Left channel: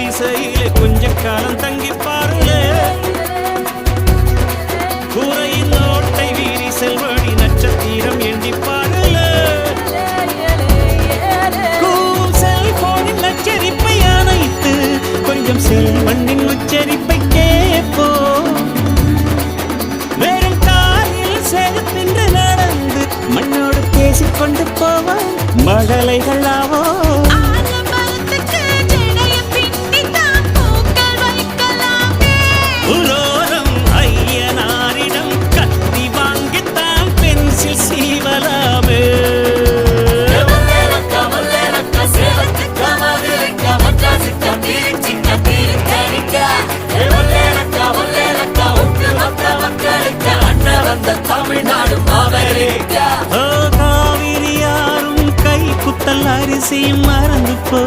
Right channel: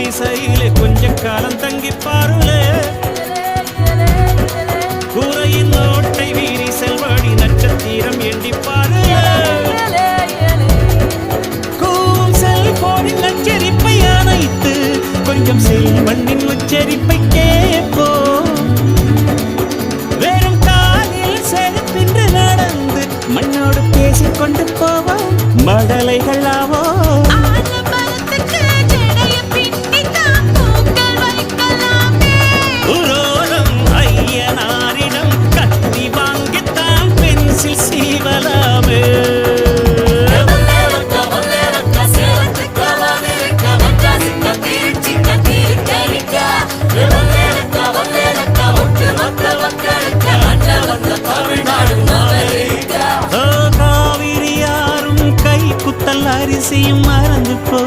குடிசையிலே கொஞ்ச காலம் தங்கி பாருலே கூரையின் ஓட்டை வீரி செல்வடி நட்சத்திரம் எண்டி பாருலே கூவும் செல்போனின் நச்சரிப்பை அணைத்து கொஞ்சம் செல்வண்ணின் உச்சரிப்பை கேட்போ வெறும் காலில் செருப்பின்று நடந்து மண்ணோடு பேசிக்கொண்டு போவோம் மடலைகள் ஆவோ உரோரம் ஐயனாரிடம் கத்தி வாங்கித்தான் பென்சில் சீவலாமே காவிரி யாரும் கை குத்தல் அரிசியும் மறந்து போ